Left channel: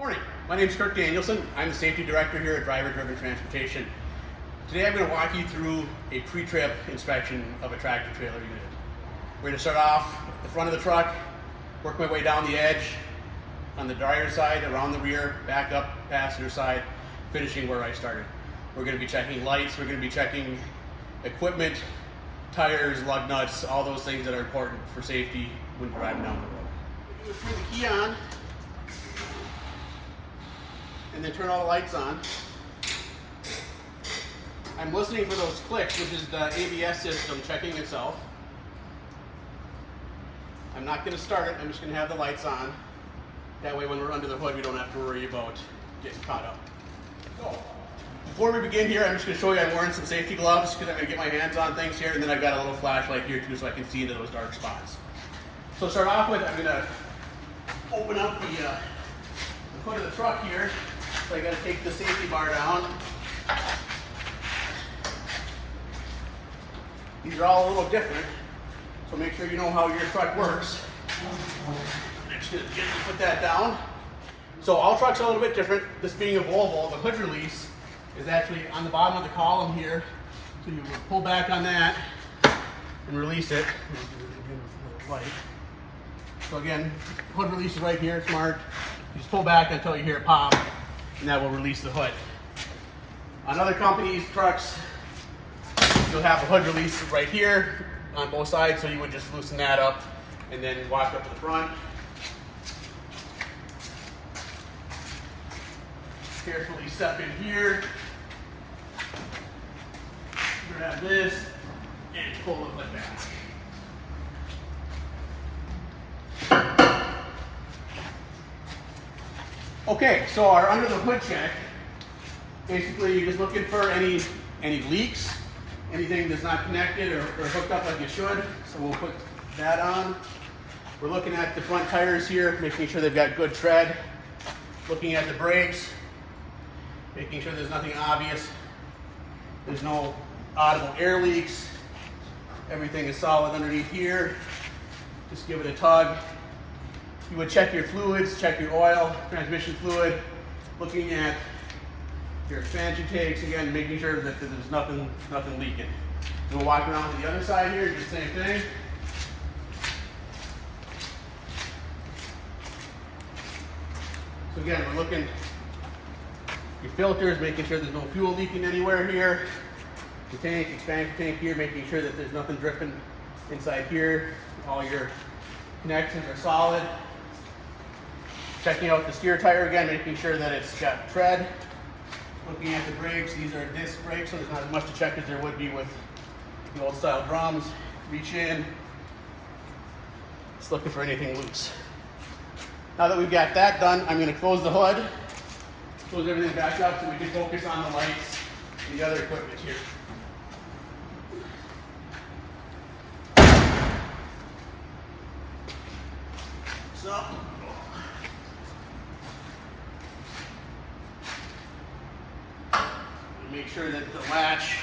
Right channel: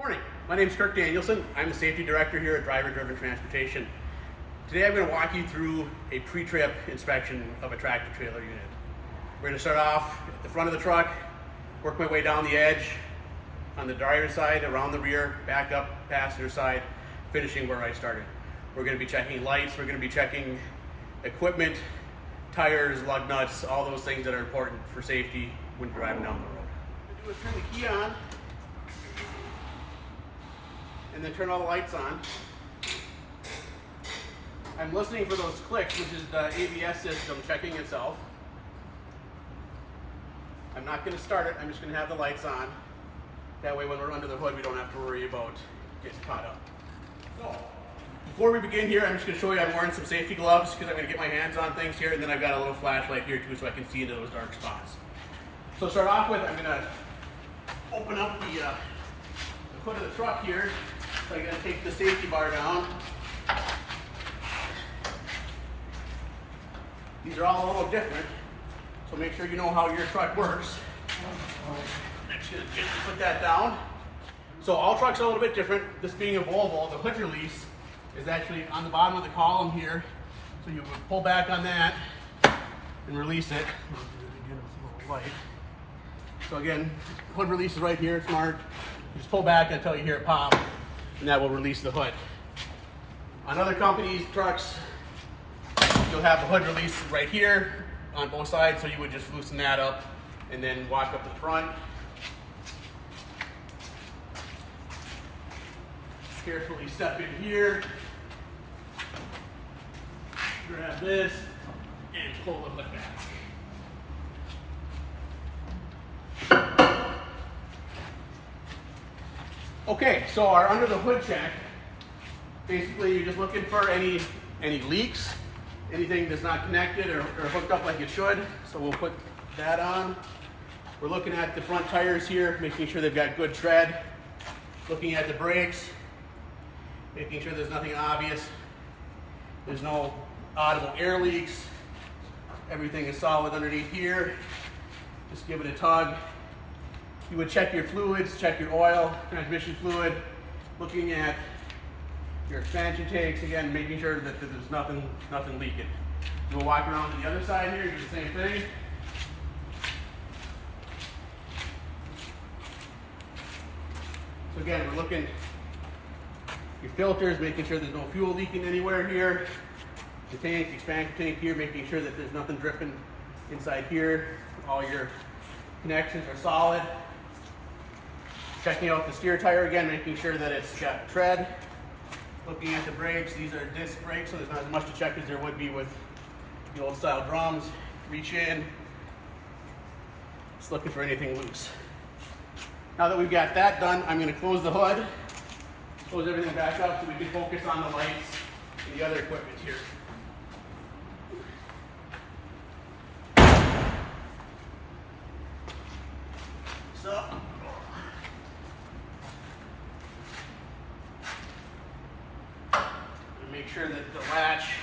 Morning, my name is Kirk Danielson. I'm the safety director here at Driver Driven Transportation. Today I'm going to walk you through a pre-trip inspection of a tractor trailer unit. We're going to start off at the front of the truck, work my way down the edge, on the driver's side, around the rear, back up, passenger side, finishing where I started. We're going to be checking lights, we're going to be checking equipment, tires, lug nuts, all those things that are important for safety when you're driving down the road. What we do is turn the key on, and then turn all the lights on. I'm listening for those clicks, which is the ABS system checking itself. I'm not going to start it, I'm just going to have the lights on. That way when we're under the hood, we don't have to worry about getting caught up. So, before we begin here, I'm just going to show you I'm wearing some safety gloves because I'm going to get my hands on things here, and then I've got a little flashlight here too so I can see into those dark spots. So to start off with, I'm going to open up the hood of the truck here. So I got to take the safety bar down. These are all a little different, so make sure you know how your truck works. I'm just going to put that down. So all trucks are a little bit different. This being a Volvo, the hood release is actually on the bottom of the column here. So you would pull back on that and release it. So again, hood release is right here, it's marked. You just pull back until you hear it pop, and that will release the hood. On other companies' trucks, you'll have the hood release right here on both sides, so you would just loosen that up and then walk up to the front. Carefully step in here, grab this, and pull the hood back. Okay, so our under the hood check, basically you're just looking for any leaks, anything that's not connected or hooked up like it should. So we'll put that on. We're looking at the front tires here, making sure they've got good tread. Looking at the brakes, making sure there's nothing obvious. There's no audible air leaks. Everything is solid underneath here. Just give it a tug. You would check your fluids, check your oil, transmission fluid, looking at your expansion tanks, again, making sure that there's nothing leaking. We'll walk around to the other side here, do the same thing. So again, we're looking your filters, making sure there's no fuel leaking anywhere here. The tank, expansion tank here, making sure that there's nothing dripping inside here. All your connections are solid. Checking out the steer tire again, making sure that it's got tread. Looking at the brakes, these are disc brakes, so there's not as much to check as there would be with the old style drums. Reach in, just looking for anything loose. Now that we've got that done, I'm going to close the hood, close everything back up so we can focus on the lights and the other equipment here. So, make sure that the latch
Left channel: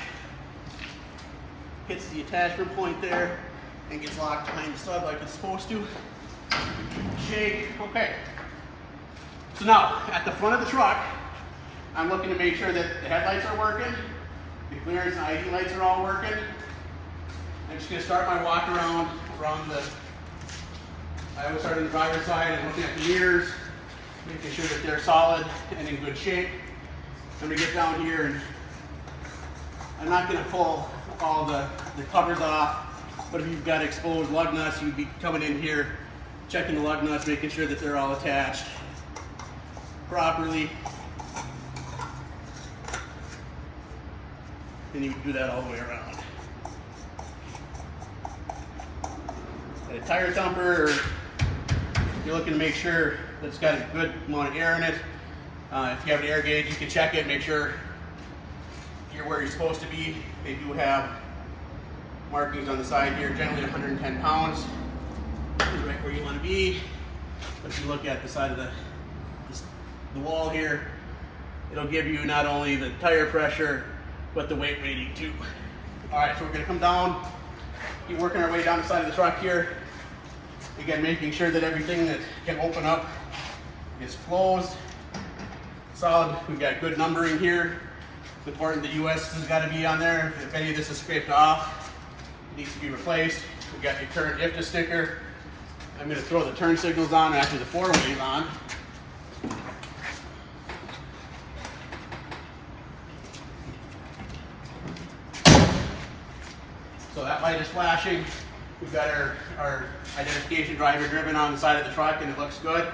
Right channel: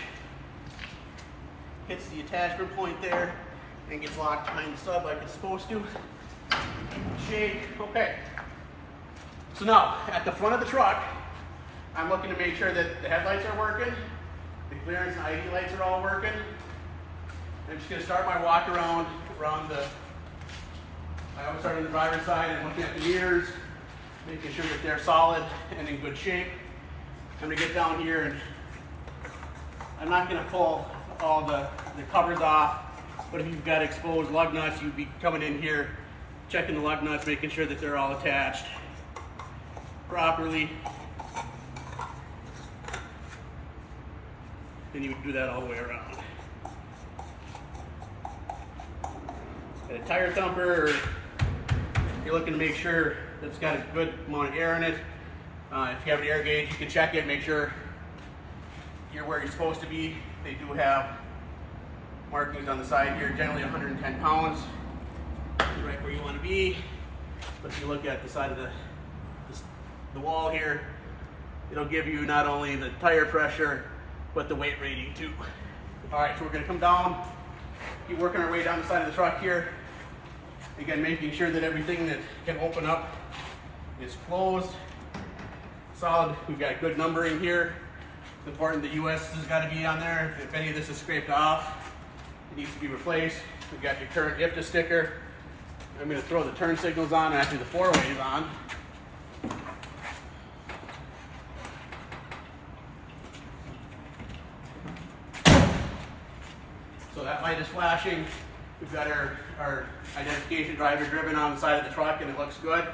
hits the attachment point there and gets locked behind the stud like it's supposed to. Shake. Okay. So now, at the front of the truck, I'm looking to make sure that the headlights are working, the clearance and ID lights are all working. I'm just going to start my walk around the, I always start on the driver's side and looking at the mirrors, making sure that they're solid and in good shape. I'm going to get down here and I'm not going to pull all the covers off, but if you've got exposed lug nuts, you'd be coming in here, checking the lug nuts, making sure that they're all attached properly. Then you would do that all the way around. A tire thumper, you're looking to make sure that it's got a good amount of air in it. If you have an air gauge, you can check it, make sure you're where you're supposed to be. They do have markings on the side here, generally 110 pounds. You're right where you want to be. But if you look at the side of the wall here, it'll give you not only the tire pressure, but the weight rating too. All right, so we're going to come down, keep working our way down the side of the truck here. Again, making sure that everything that can open up is closed. solid. We've got good numbering here. It's important the US has got to be on there. If any of this is scraped off, it needs to be replaced. We've got your current IFTA sticker. I'm going to throw the turn signals on after the 4-way's on. So that light is flashing. We've got our identification driver driven on the side of the truck, and it looks good.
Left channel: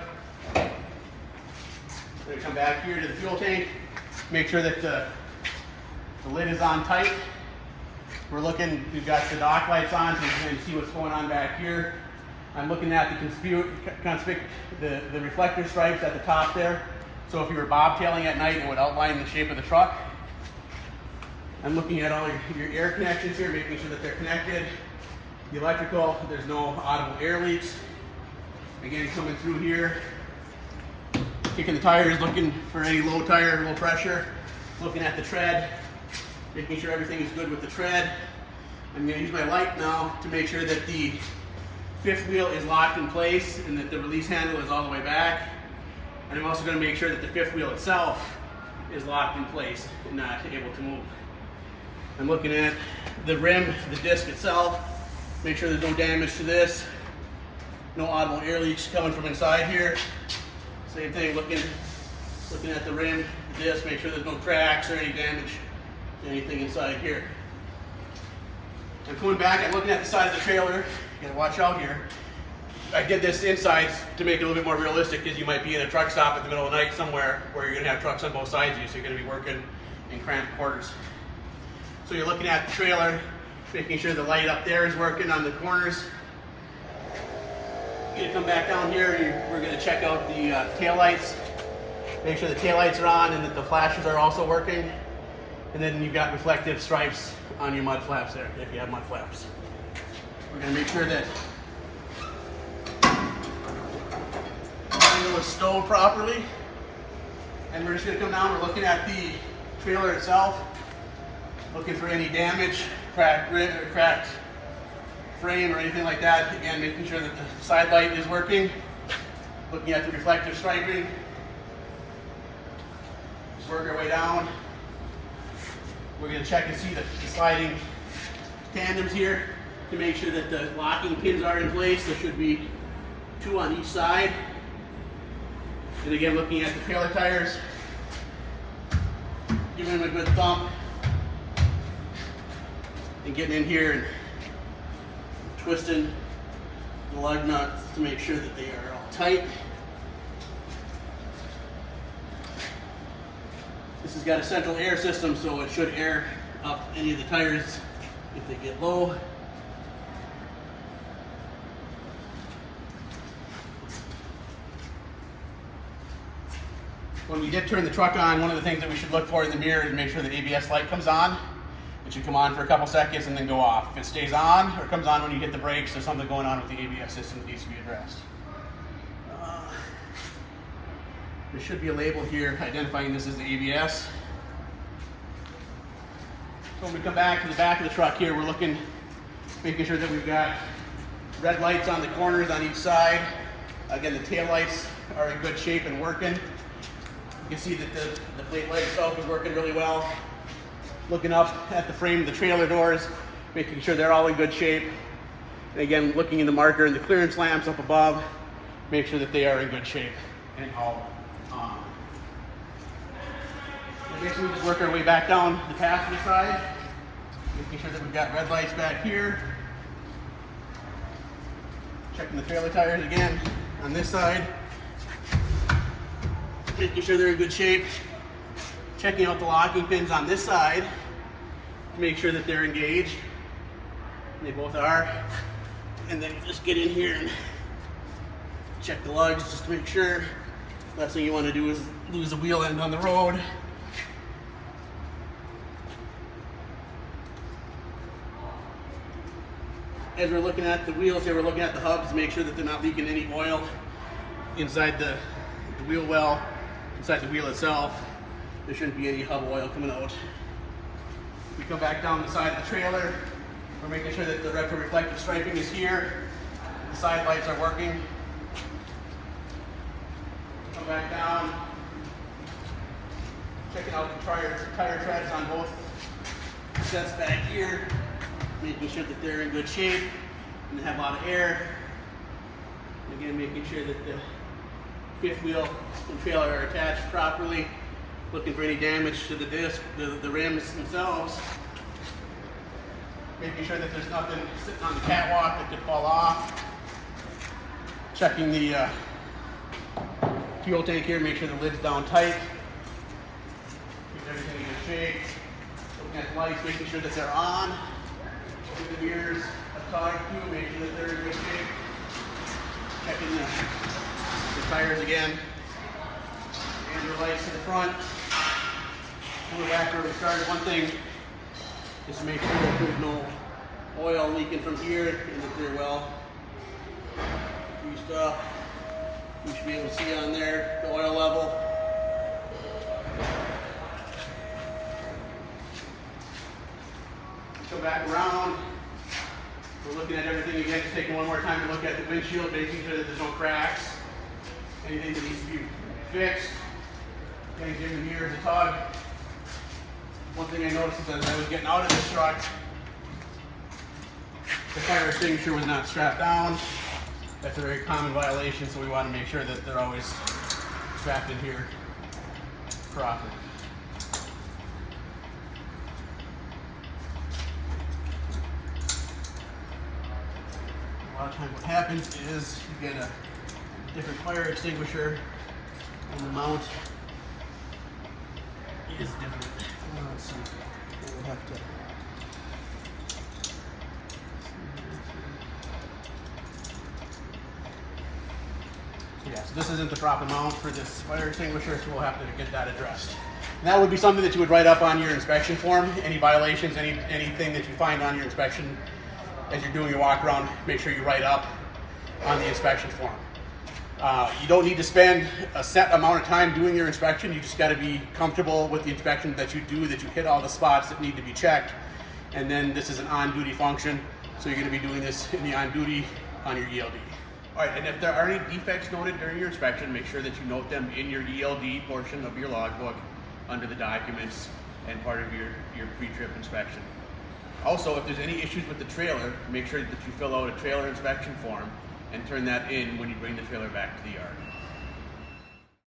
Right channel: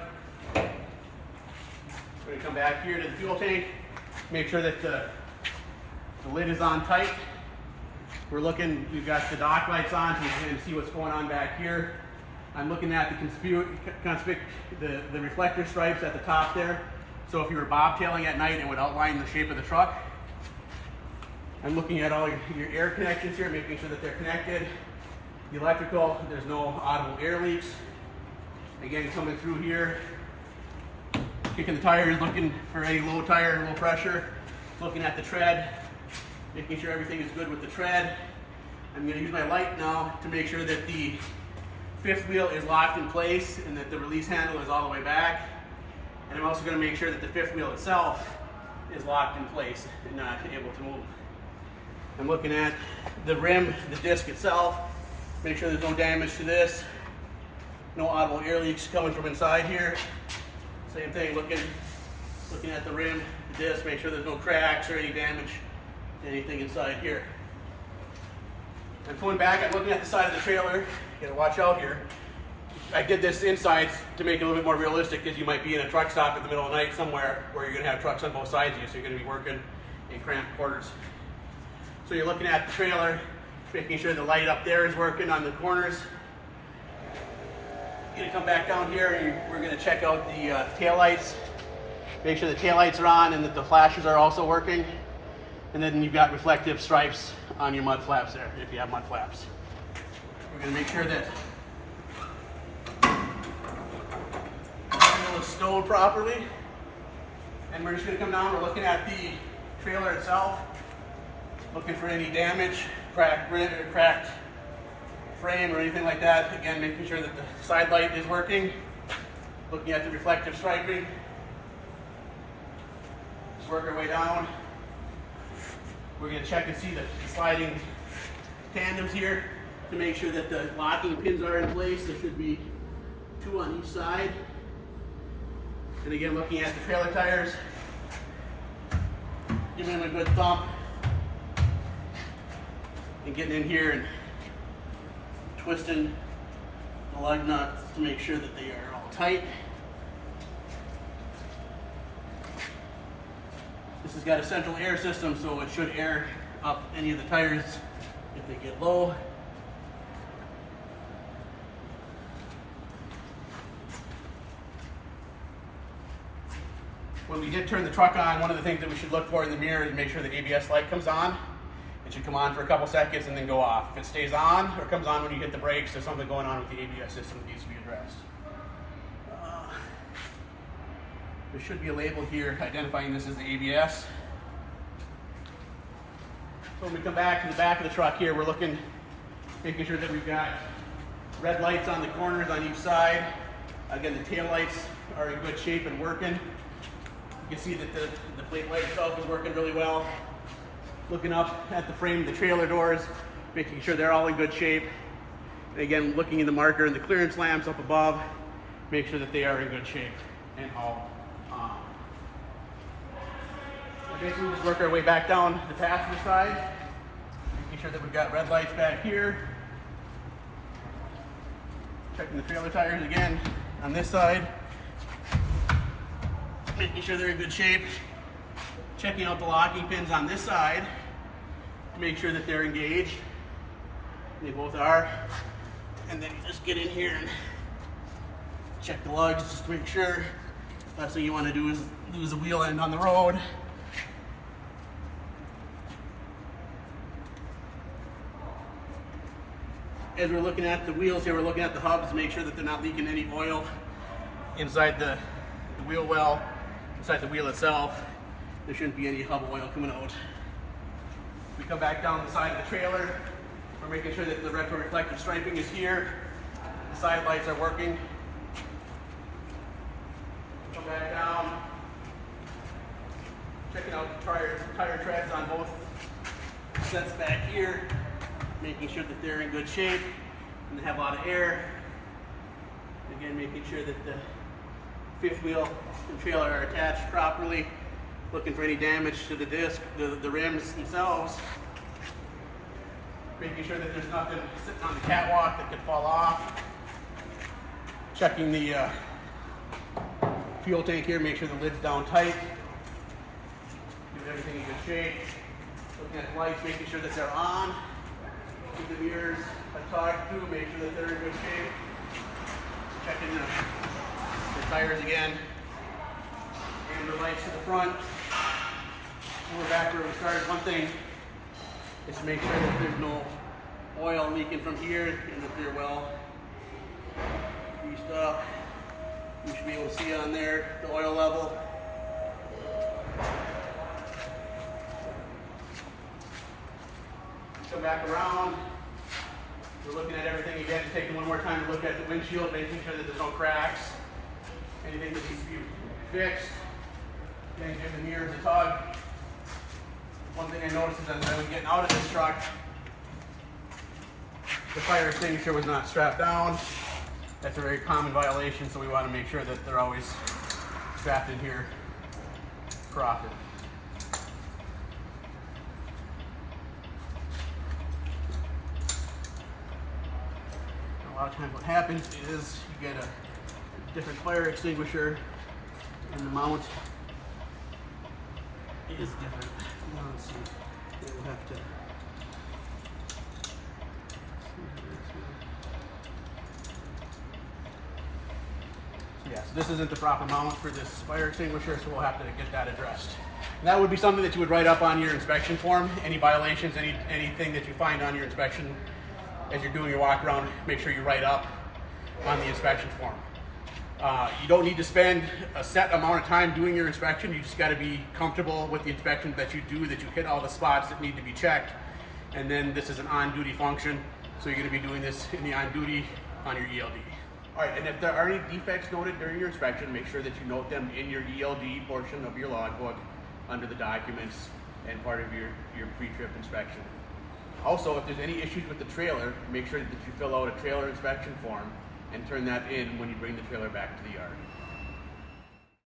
We're going to come back here to the fuel tank, make sure that the lid is on tight. We're looking, we've got the dock lights on, so you can see what's going on back here. I'm looking at the reflector stripes at the top there. So if you were bobtailing at night, it would outline the shape of the truck. I'm looking at all your air connections here, making sure that they're connected. The electrical, there's no audible air leaks. Again, coming through here, kicking the tires, looking for any low tire, low pressure. Looking at the tread, making sure everything is good with the tread. I'm going to use my light now to make sure that the fifth wheel is locked in place and that the release handle is all the way back. And I'm also going to make sure that the fifth wheel itself is locked in place and not able to move. I'm looking at the rim, the disc itself, make sure there's no damage to this, no audible air leaks coming from inside here. Same thing, looking at the rim, the disc, make sure there's no cracks or any damage to anything inside here. I'm going back, I'm looking at the side of the trailer. You gotta watch out here. I did this inside to make it a little bit more realistic, because you might be in a truck stop in the middle of the night somewhere where you're gonna have trucks on both sides of you, so you're gonna be working in cramped quarters. So you're looking at the trailer, making sure the light up there is working on the corners. You're gonna come back down here and we're gonna check out the tail lights. Make sure the tail lights are on and that the flashes are also working. And then you've got reflective stripes on your mud flaps there, if you have mud flaps. We're gonna make sure that the handle is stowed properly. And we're just gonna come down, we're looking at the trailer itself, looking for any damage, cracked frame or anything like that. Again, making sure that the side light is working. Looking at the reflective striping. Just work our way down. We're going to check and see the sliding tandems here to make sure that the locking pins are in place. There should be 2 on each side. And again, looking at the trailer tires, giving them a good thump and getting in here and twisting the lug nuts to make sure that they are all tight. This has got a central air system, so it should air up any of the tires if they get low. When we did turn the truck on, one of the things that we should look for in the mirror is make sure the ABS light comes on. It should come on for a couple seconds and then go off. If it stays on or comes on when you hit the brakes, there's something going on with the ABS system that needs to be addressed. There should be a label here identifying this as the ABS. So when we come back to the back of the truck here, we're looking, making sure that we've got red lights on the corners on each side. Again, the tail lights are in good shape and working. You can see that the plate light itself is working really well. Looking up at the frame of the trailer doors, making sure they're all in good shape. And again, looking in the marker and the clearance lamps up above, make sure that they are in good shape and all on. So basically, we just work our way back down the passenger side, making sure that we've got red lights back here. Checking the trailer tires again on this side, making sure they're in good shape. Checking out the locking pins on this side to make sure that they're engaged. And they both are. And then you just get in here and check the lugs just to make sure. Last thing you want to do is lose a wheel end on the road. As we're looking at the wheels here, we're looking at the hubs to make sure that they're not leaking any oil inside the wheel well, inside the wheel itself. There shouldn't be any hub oil coming out. We come back down the side of the trailer. We're making sure that the retroreflective striping is here. The side lights are working. Come back down. out the tire treads on both sets back here, making sure that they're in good shape and they have a lot of air. Again, making sure that the fifth wheel and trailer are attached properly, looking for any damage to the disc, the rims themselves, making sure that there's nothing sitting on the catwalk that could fall off, checking the fuel tank here, make sure the lid's down tight, keep everything in good shape, looking at the lights, making sure that they're on, checking the mirrors, a tug too, making sure that they're in good shape, checking the tires again, and the lights to the front. We're back where we started. One thing is to make sure that there's no oil leaking from here and that they're well greased up. You should be able to see on there the oil level. Come back around. We're looking at everything again, just taking one more time to look at the windshield, making sure that there's no cracks, anything that needs to be fixed. Then give the mirrors a tug. One thing I noticed is as I was getting out of this truck, the fire extinguisher was not strapped down. That's a very common violation, so we want to make sure that they're always strapped in here properly. A lot of times what happens is you get a different fire extinguisher and the mount is different. Let's see. We'll have to. So this isn't the proper mount for this fire extinguisher, so we'll have to get that addressed. And that would be something that you would write up on your inspection form. Any violations, anything that you find on your inspection as you're doing your walk around, make sure you write up on the inspection form. You don't need to spend a set amount of time doing your inspection. You just got to be comfortable with the inspection that you do, that you hit all the spots that need to be checked. And then this is an on-duty function, so you're going to be doing this in the on-duty on your ELD. All right, and if there are any defects noted during your inspection, make sure that you note them in your ELD portion of your logbook under the documents and part of your pre-trip inspection. Also, if there's any issues with the trailer, make sure that you fill out a trailer inspection form and turn that in when you bring the trailer back to the yard.